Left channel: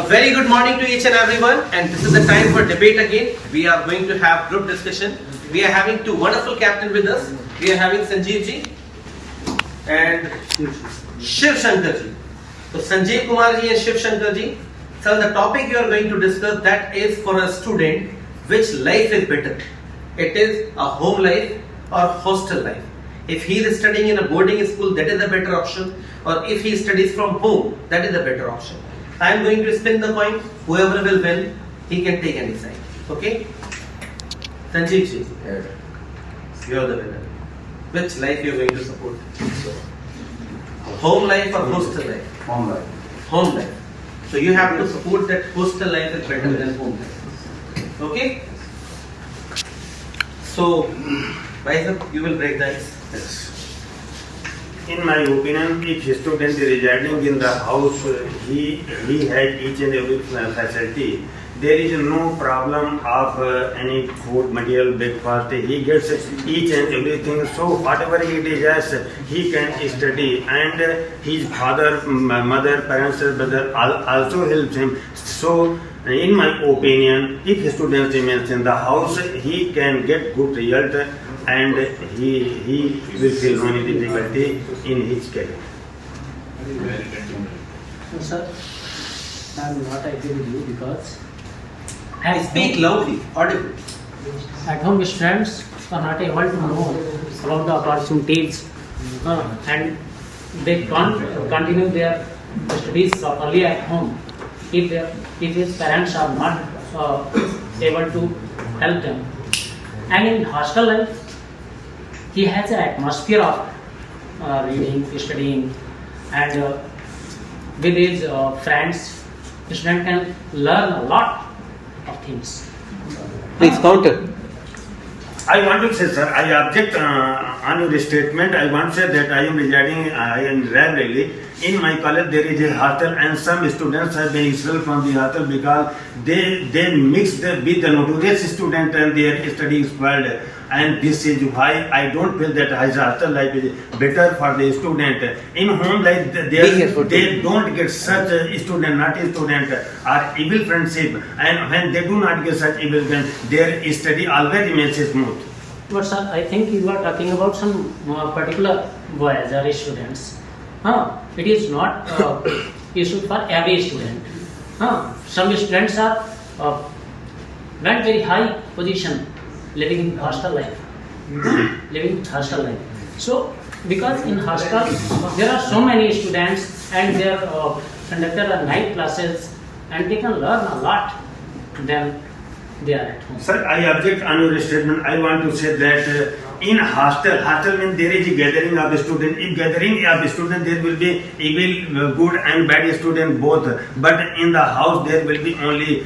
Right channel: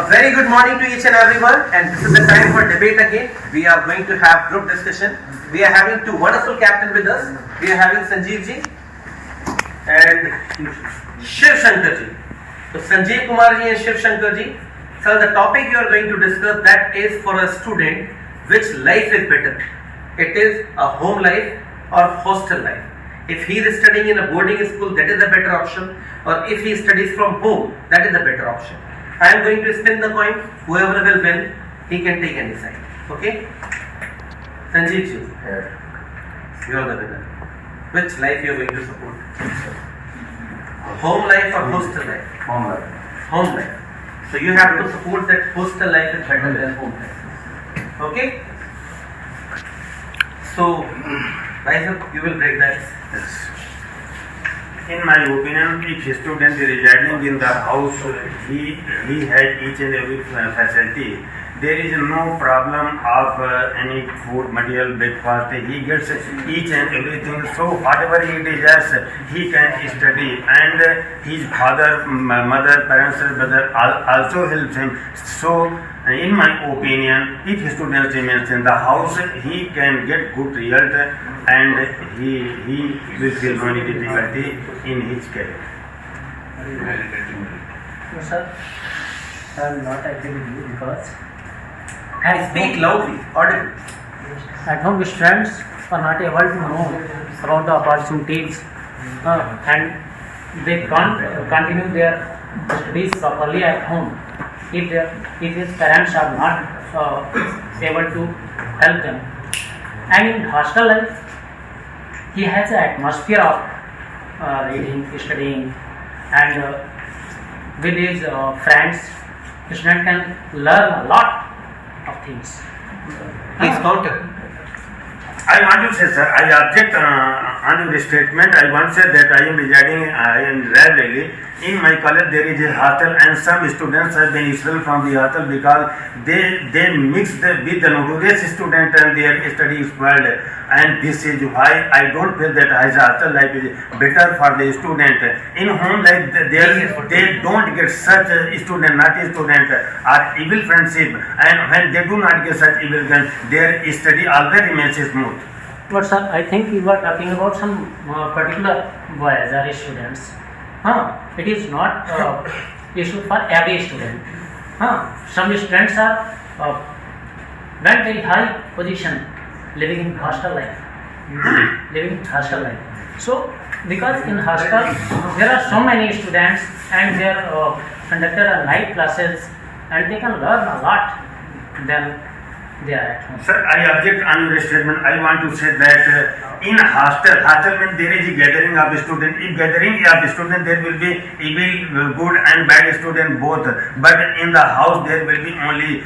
A very good morning to each and everyone, and this is the time for debate again. We are going to have group discussion. We are having two wonderful captains with us. We are having Sanjeev ji and Shiv Shankar ji. So Sanjeev Kumar ji and Shiv Shankar ji. So the topic you are going to discuss, that is for a student, which life is better? It is a home life or hostel life. If he is studying in a boarding school, that is the better option, or if he studies from home, that is the better option. I am going to spin the coin. Whoever will win, he can take any side. Okay? Sanjeev ji, you are the winner. Which life you are going to support? Home life or hostel life? Home life. Home life. So you have to support that hostel life is better than home life. Okay? So, Vaisab, you will break the ice. Yes. In my opinion, if a student is residing in the house, he has each and every facility. There is no problem of any food material, breakfast. He gets each and everything. So whatever he desires, he can study. And his father, mother, parents, brother also helps him. So in my opinion, if a student remains in the house, he can get good result and he will feel no difficulty in his career. No, sir, I am not agree with you because Speak loudly, audibly. at home students are not able to know about the opportunities and they can't continue their studies properly at home if his parents are not able to help them. And in hostel life, he has an atmosphere of reading, studying, and with his friends, the student can learn a lot of things. Please counter. I want to say, sir, I object on your statement. I want to say that I am residing in Raebareli. In my college, there is a hostel, and some students have been expelled from the hostel because they mixed with the notorious student and their study is spoiled. And this is why I don't feel that hostel life is better for the student. In home life, they don't get such a student, naughty student, or evil friendship. And when they do not get such evil friends, their study always remains smooth. But sir, I think you are talking about some particular boys or students. It is not issue for every student. Some students are went very high position living in hostel life. So because in hostel there are so many students and they are conducted night classes and they can learn a lot than they are at home. Sir, I object on your statement. I want to say that in hostel means there is a gathering of students. In gathering of students, there will be evil, good and bad student both. But in the house, there will be only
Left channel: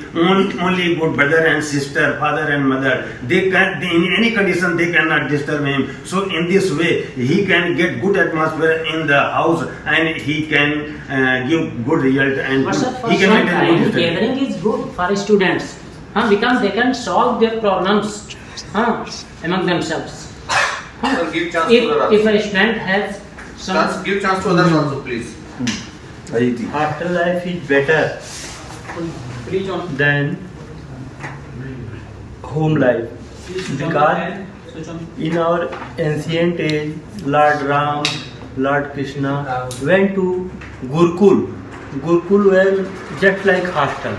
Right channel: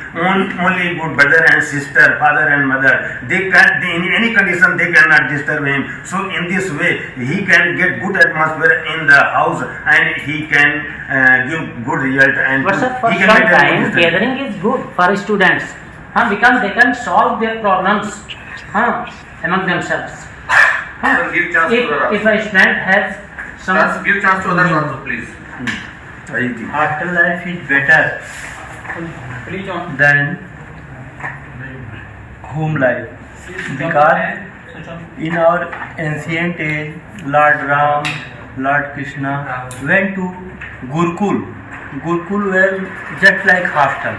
good brother and sister, father and mother. In any condition, they cannot disturb him. So in this way, he can get good atmosphere in the house and he can give good result. And But sir, for he some can maintain time, good study. gathering is good for students because they can solve their problems among themselves. Give chance to others. If a student has some Give chance to others also, please. Hostel life is better than home life because in our ancient age, Lord Ram, Lord Krishna went to Gurukul. Gurukul was just like hostel,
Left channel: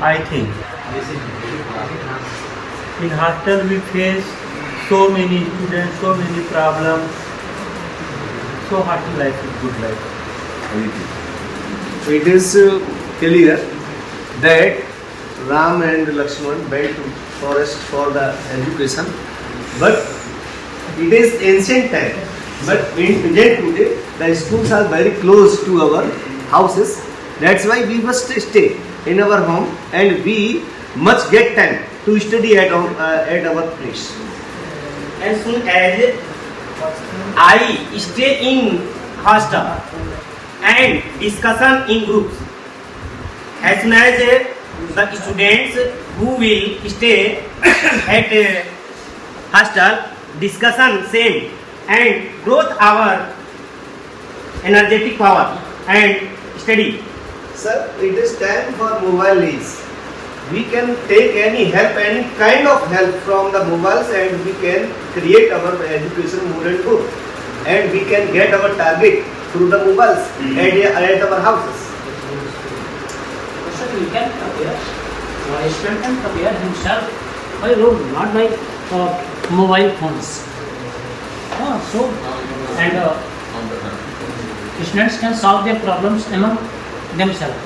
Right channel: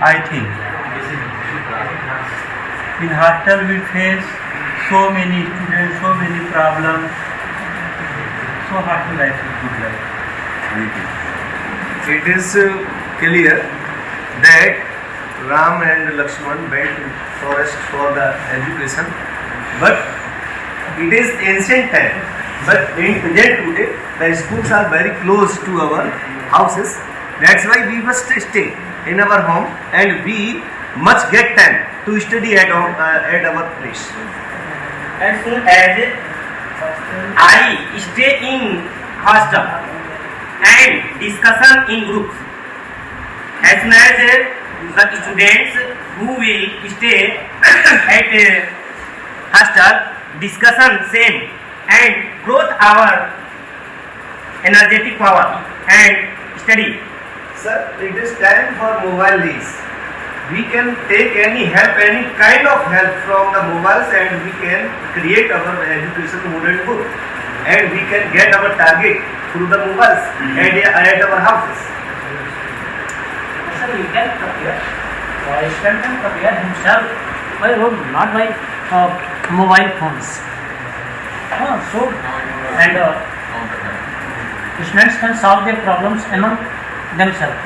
I think. In hostel we face so many students, so many problems. So hostel life is good life. It is clear that Ram and Lakshman went to forest for the education, but it is ancient time. But in present today, the schools are very close to our houses. That's why we must stay in our home and we must get time to study at our place. As soon as I stay in hostel and discussion in groups, as soon as the students who will stay at hostel discussion same and growth our energetic power and study Sir, it is time for mobile lease. We can take any help, any kind of help from the mobiles, and we can create our education more and more. And we can get our target through the mobiles and at our houses. Sir, he can prepare. A student can prepare himself by road, not by mobile phones. Students can solve their problems among themselves.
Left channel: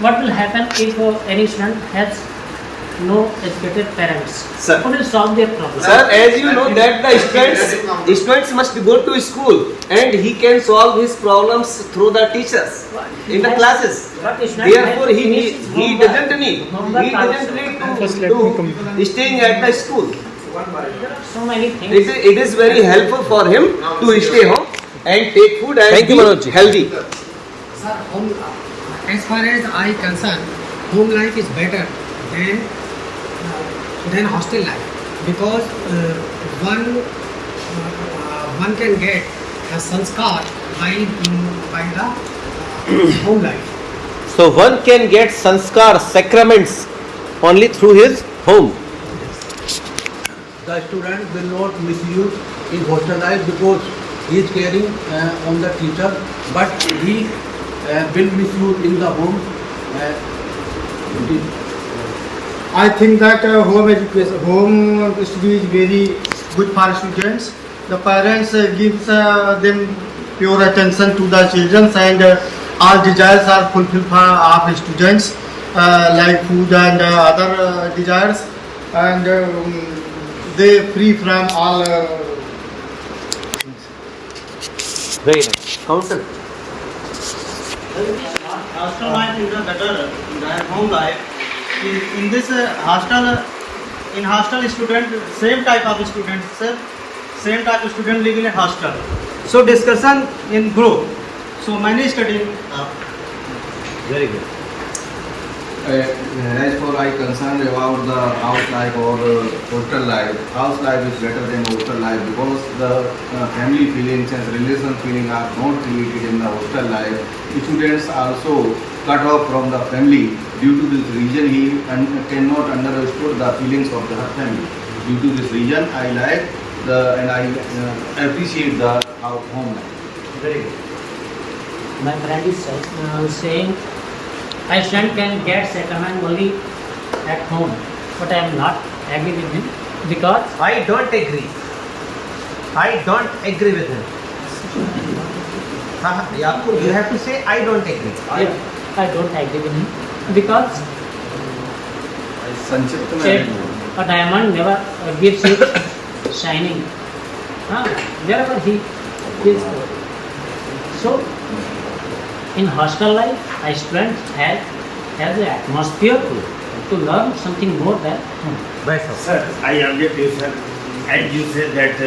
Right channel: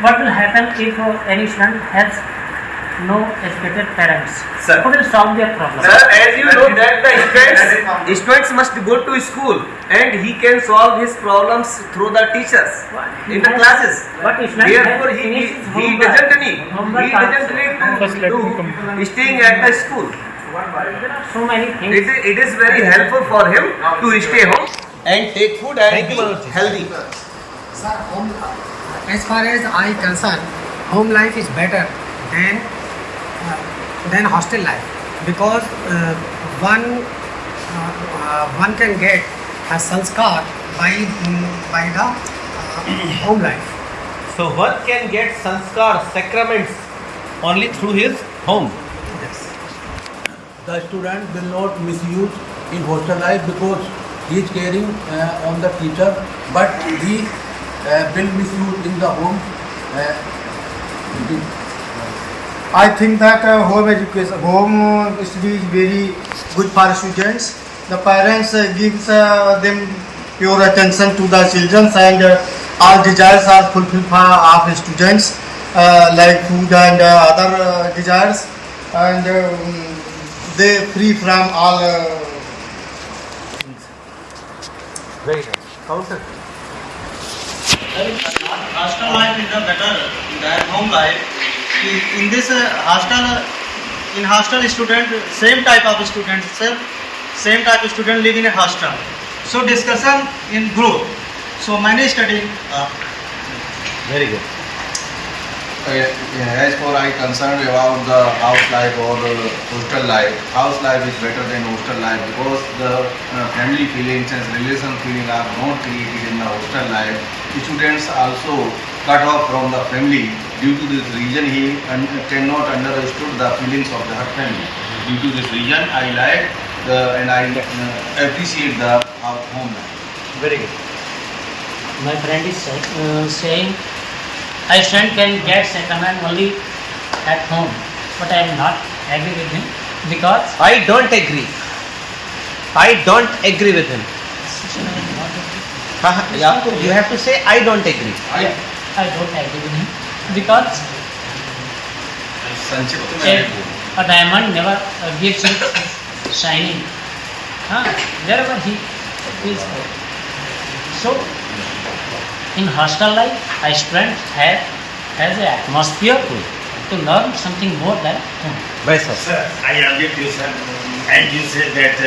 What will happen if any student has no educated parents? Sir. Who will solve their problems? Sir, as you know that the students must go to school and he can solve his problems through the teachers in the classes. But student Therefore, has he finished doesn't need to staying at the school. There are so many things. It is very helpful for him to stay home and take food and be healthy. Sir, as far as I concern, home life is better than hostel life, because one can get a sanskar by the home life. So one can get sanskar, sacraments only through his home. The student will not misuse in hostel life because he is caring on the teacher, but he will misuse in the home. I think that home study is very good for students. The parents gives them pure attention to the children, and all desires are fulfilled of students, like food and other desires, and they free from all. Very nice. Counsel. Hostel life is better than home life. In this in hostel student, same type of student live in a hostel. So discussion in group. So many study. Very good. As for I concerned about the house life or hostel life, house life is better than hostel life because the family feelings and relation feeling are not created in the hostel life. Students also cut off from the family. Due to this reason, he cannot understood the feelings of the family. Due to this reason, I like and I appreciate the home life. Very good. My friend is saying I student can get sacrament only at home, but I am not agree with him because I don't agree. I don't agree with him. You have to say I don't agree. I don't agree with him because a diamond never gives it shining. Wherever he is good. So in hostel life, a student has an atmosphere to learn something more than home. Yes, sir. Sir, I already tell sir, and you say that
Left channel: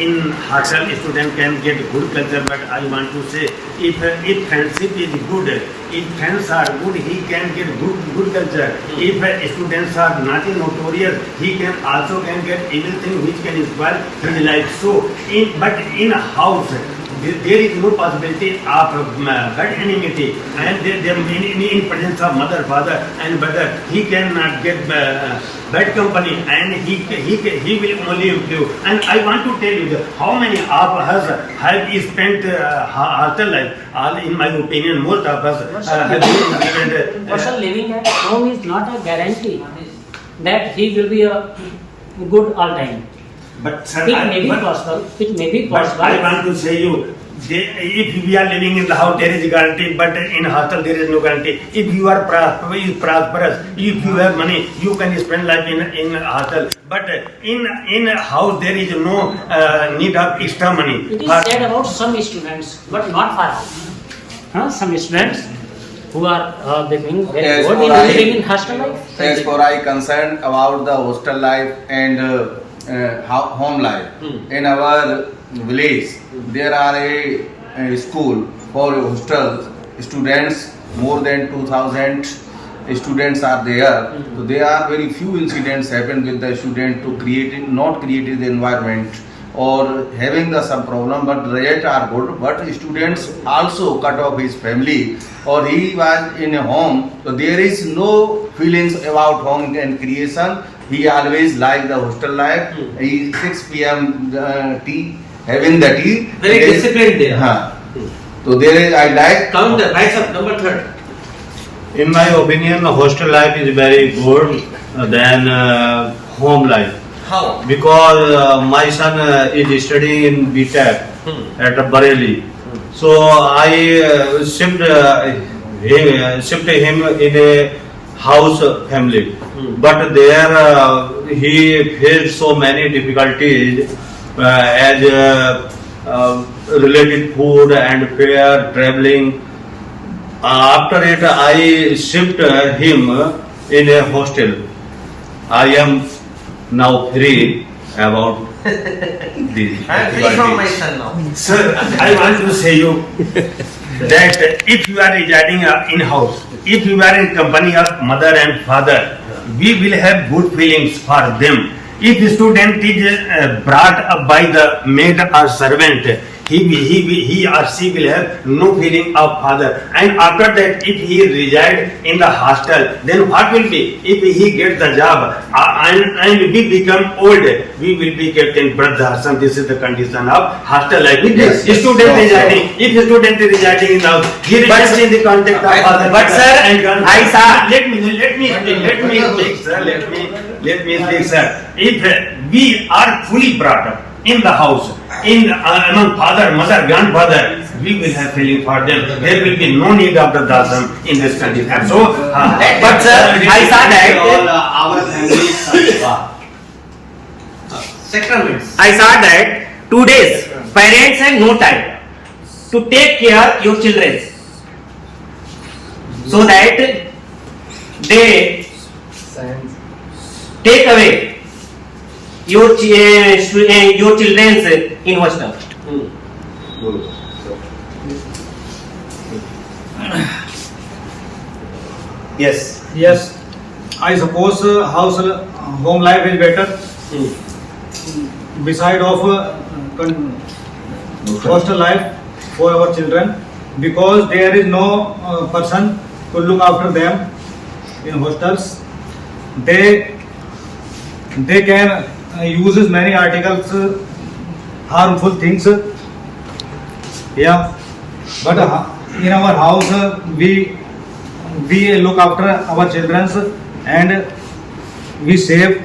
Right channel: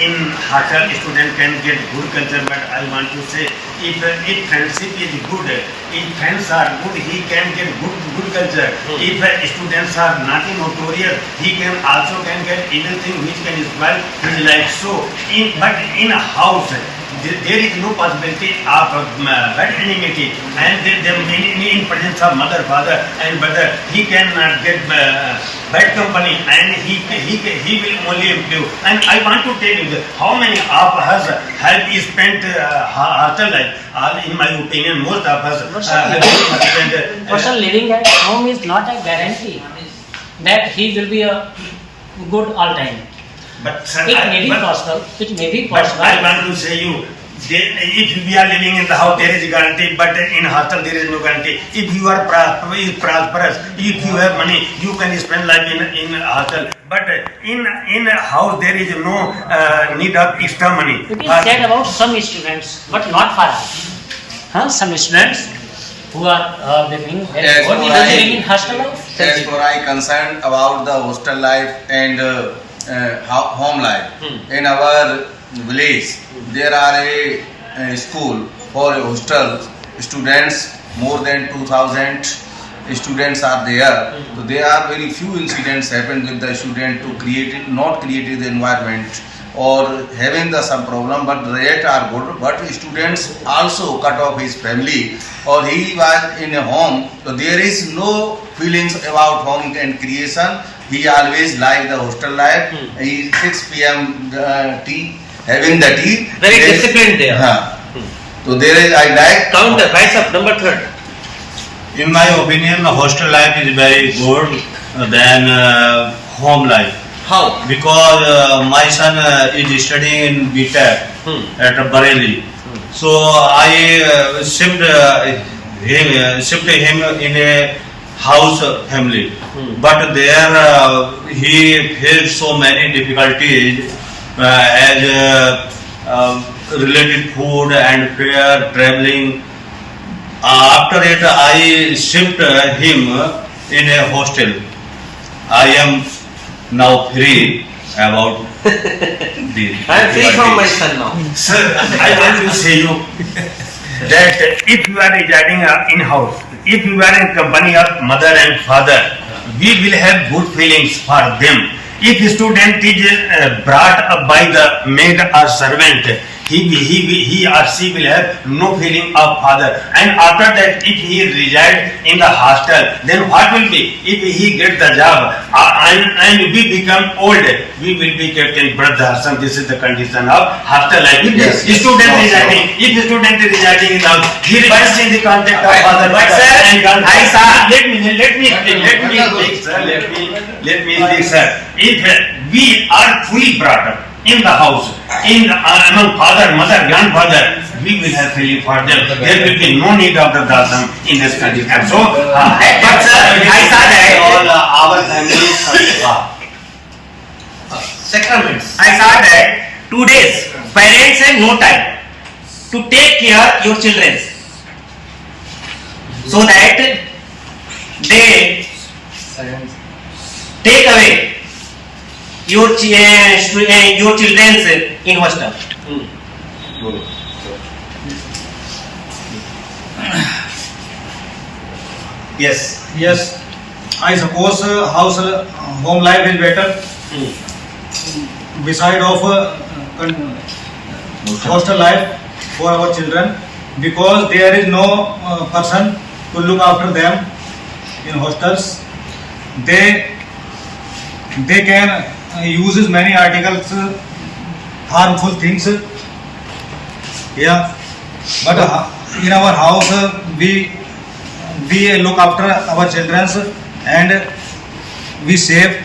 in hostel student can get good culture, but I want to say if friendship is good, if friends are good, he can get good culture. If students are naughty, notorious, he can get evil thing which can spoil his life. So, but in a house, there is no possibility of bad enmity, and in presence of mother, father, and brother, he cannot get bad company, and he will only improve. And I want to tell you that how many of us have spent hostel life. In my opinion, most of us have spent. Person living at home is not a guarantee that he will be a good all time. But sir, It may be possible. But I want to say you, if we are living in the house, there is a guarantee, but in hostel there is no guarantee. If you are prosperous, if you have money, you can spend life in hostel. But in a house there is no need of extra money. It is said about some students, but not for all. Some students who are living very good in living in hostel life. As for I concerned about the hostel life and home life. In our village, there are a school for hostel students. More than 2,000 students are there. So there are very few incidents happen with the student to not create the environment or having some problem, but result are good. But students also cut off his family or he was in a home, so there is no feelings about home and creation. He always like the hostel life. He 6 p.m. Tea, having the tea. Very disciplined there. So there is, I like. Count the rise up, number third. In my opinion, hostel life is very good than home life. How? Because my son is studying in BTech at Bareilly. So I shipped him in a house family. But there he faced so many difficulties as related food and fare, traveling. After it, I shipped him in a hostel. I am now free about this. I am free from my son now. Sir, I want to say you that if you are residing in house, if you are in company of mother and father, we will have good feelings for them. If a student is brought up by the maid or servant, he or she will have no feeling of father. And after that, if he reside in the hostel, then what will be? If he get the job and we become old, we will be kept in Vruddhashram. This is the condition of hostel life. If the student residing in the house, he resides in the contact of father. But sir, I saw. Let me speak, sir. If we are fully brought up in the house, among father, mother, grandfather, we will have feeling for them. There will be no need of the dasam in this condition. So, but sir, I saw that all our families are sacraments. I saw that 2 days parents have no time to take care your children, so that they take away your children in hostel. Yes, I suppose home life is better beside of hostel life for our children, because there is no person to look after them in hostels. They can use many articles, harmful things. Yeah, but in our house we look after our children and we save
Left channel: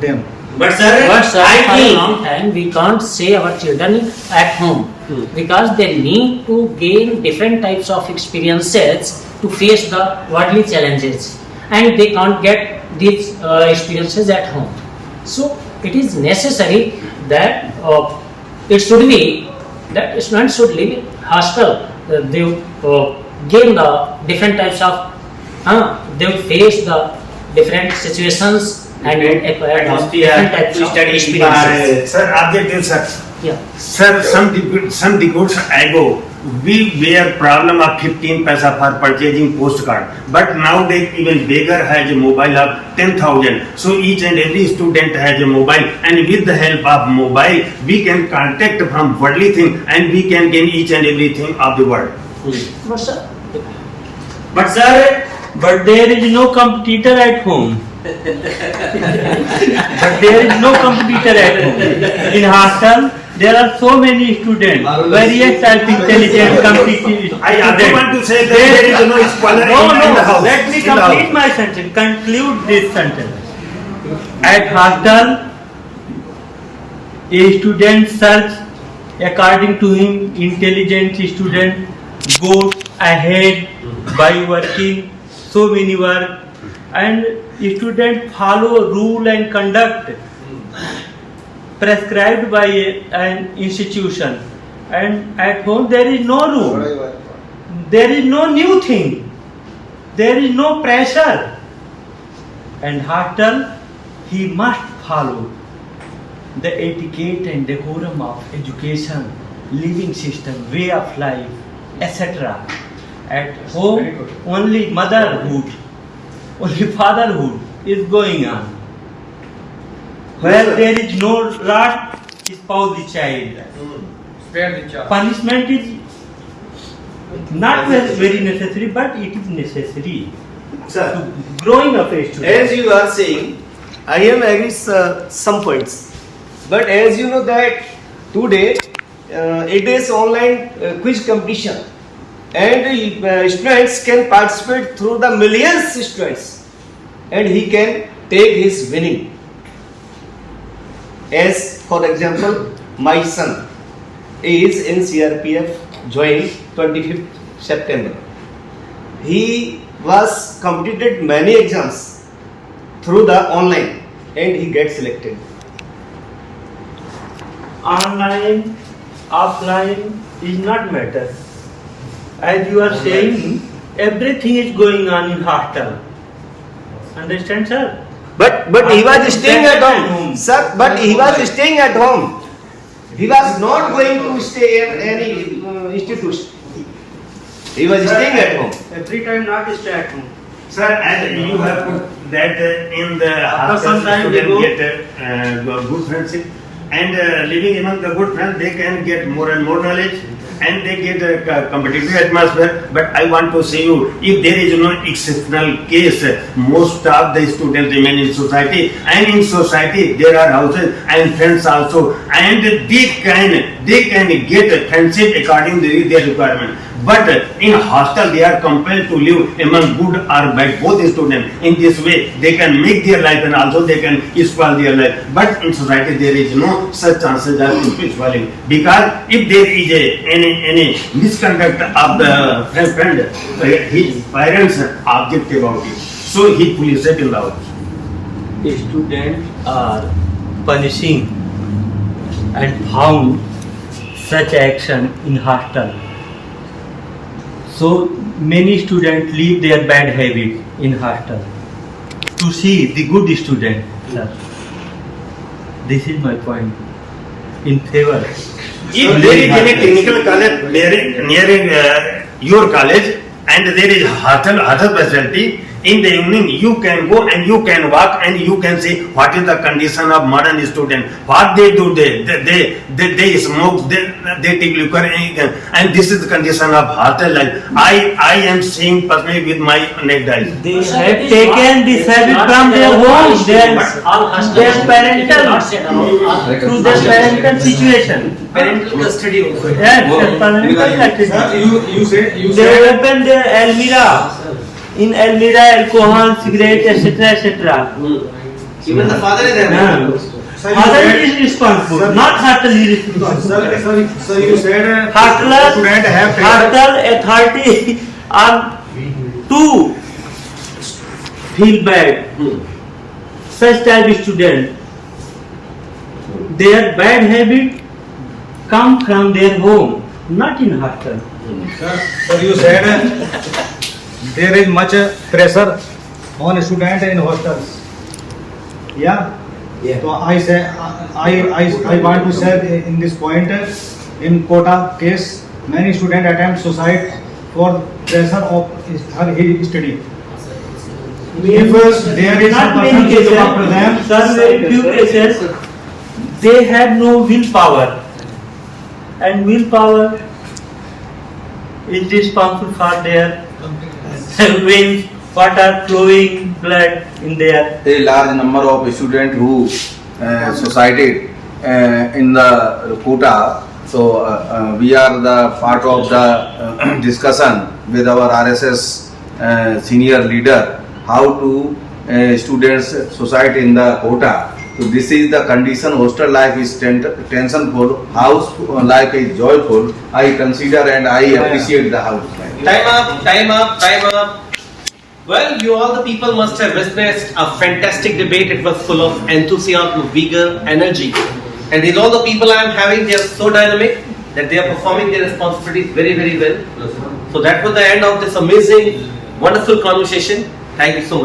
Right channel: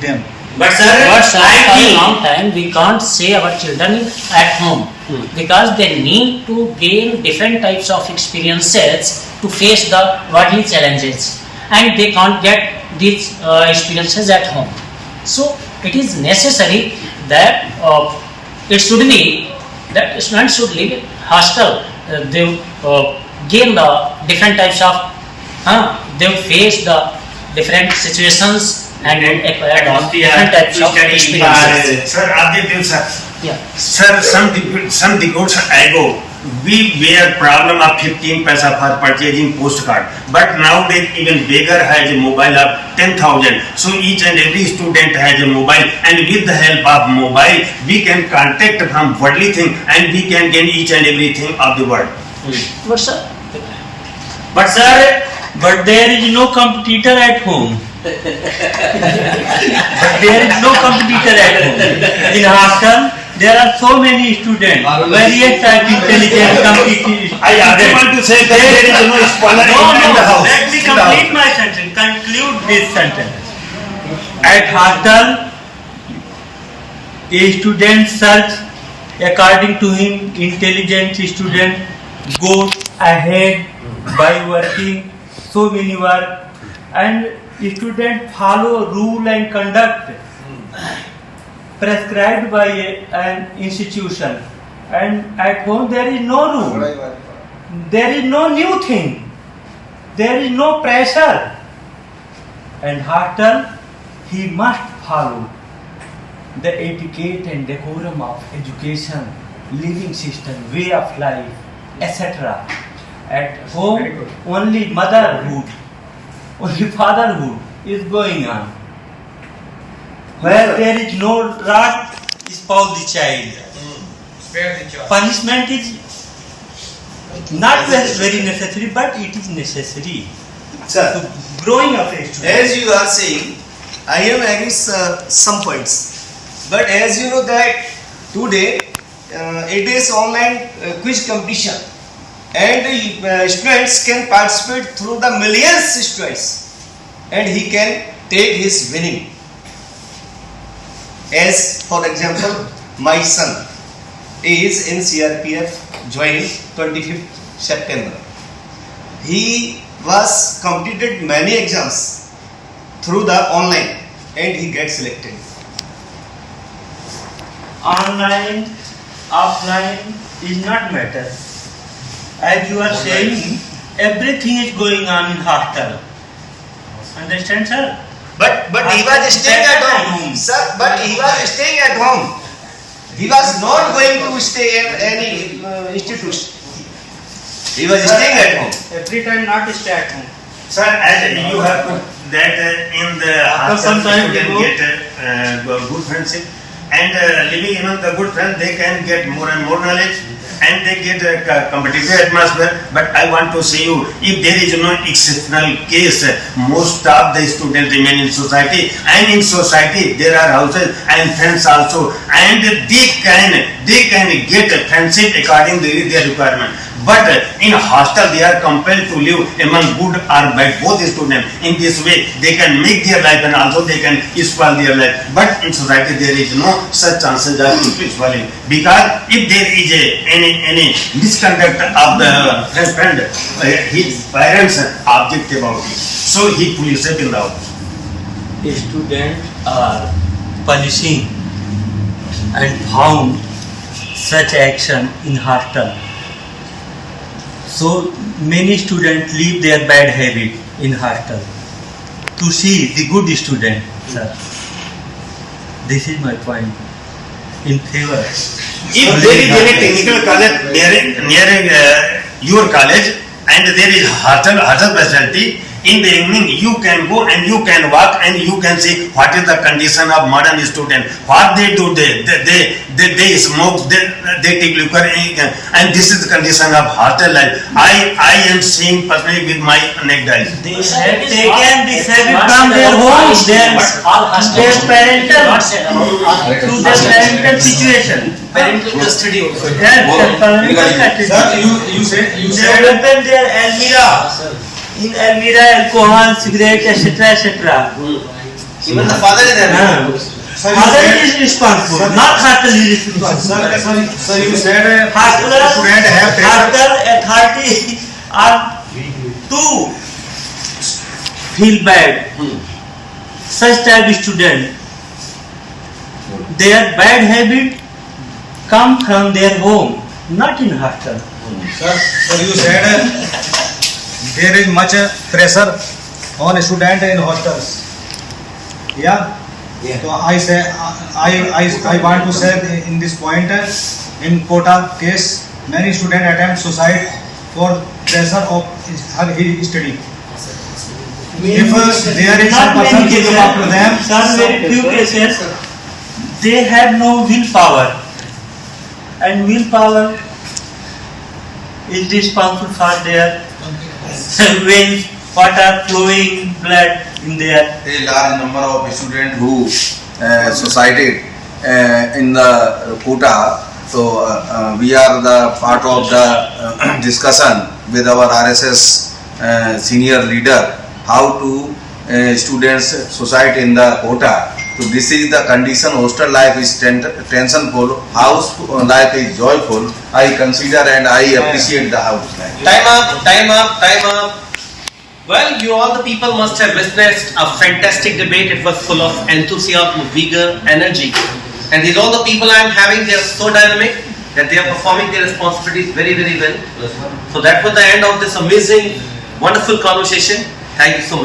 them. But sir, For a long time we can't say our children at home because they need to gain different types of experiences to face the worldly challenges, and they can't get these experiences at home. So it is necessary that it should be that students should live in hostel. They gain the different types of they face the different situations and acquire different types of experiences. Sir, Aditya sir. Yeah. Sir, some decades ago, we were problem of 15 paisa for purchasing postcard. But nowadays, even beggar has a mobile of 10,000. So each and every student has a mobile, and with the help of mobile, we can contact from worldly thing, and we can gain each and everything of the world. But there is no competitor at home. In hostel, there are so many students, various type intelligent, competitive I also want to say that there is no spoiler in the house. Let me complete my sentence, conclude this sentence. At hostel, a student search according to him, intelligent student goes ahead by working so many work, and student follow rule and conduct prescribed by an institution. And at home there is no rule, there is no new thing, there is no pressure. And hostel, he must follow the etiquette and decorum of education, living system, way of life, etc. At home, only motherhood, only fatherhood is going on. Where there is no rod, spoil the child. Punishment is Not very necessary, but it is necessary. Sir, Growing of a student. as you are saying, I am having some points. But as you know that today it is online quiz competition, and students can participate through the millions students, and he can take his winning. As for example, my son is in CRPF, joined 25th September. He was completed many exams through the online, and he gets selected. Online, offline is not matter. As you are saying, everything is going on in hostel. Understand, sir? But he was staying at home, sir. But he was staying at home. He was not going to stay in any institution. He was staying at home. Every time not stay at home. Sir, as you have put that in the hostel, student get good friendship, and living among the good friends, they can get more and more knowledge, and they get a competitive atmosphere. But I want to say you, if there is no exceptional case, most of the students remain in society, and in society there are houses and friends also, and they can get a friendship according to their requirement. But in hostel they are compelled to live among good or bad, both students. In this way they can make their life and also they can spoil their life. But in society there is no such chances of spoiling, because if there is any misconduct of the friend, his parents object about it, so he police it in the house. Students are punishing and found such action in hostel. So many students leave their bad habit in hostel to see the good student, sir. This is my point in favor. If there is any technical college near your college, and there is hostel facility, in the evening you can go and you can walk and you can see what is the condition of modern student, what they do, they smoke, they take liquor, and this is the condition of hostel life. I am seeing personally with my naked eyes. They have taken this habit from their homes, their parental situation. Parental custody also. Yes, parental custody. You said They have taken their Almira. In Almira, alcohol, cigarette, etc. Even the father is there. Father is responsible, not hostel is responsible. Sir, you said Hostel authority are to feel bad. Such type of student, their bad habit come from their home, not in hostel. Sir, you said there is much pressure on student in hostels. Yeah. So I say I want to say in this point, in Kota case, many students attempt suicide for pressure of his study. If there is some person to look after them, some very few cases, they have no willpower, and willpower is responsible for their veins, water flowing, blood in their. A large number of students who suicided in the Kota. So we are the part of the discussion with our RSS senior leader how to students suicide in the Kota. So this is the condition. Hostel life is tensionful, house life is joyful. I consider and I appreciate the house life. Time up. Well, you all the people must have witnessed a fantastic debate. It was full of enthusiasm, vigor, energy. And these all the people I am having, they are so dynamic that they are performing their responsibilities very, very well. So that was the end of this amazing, wonderful conversation. Thank you so much.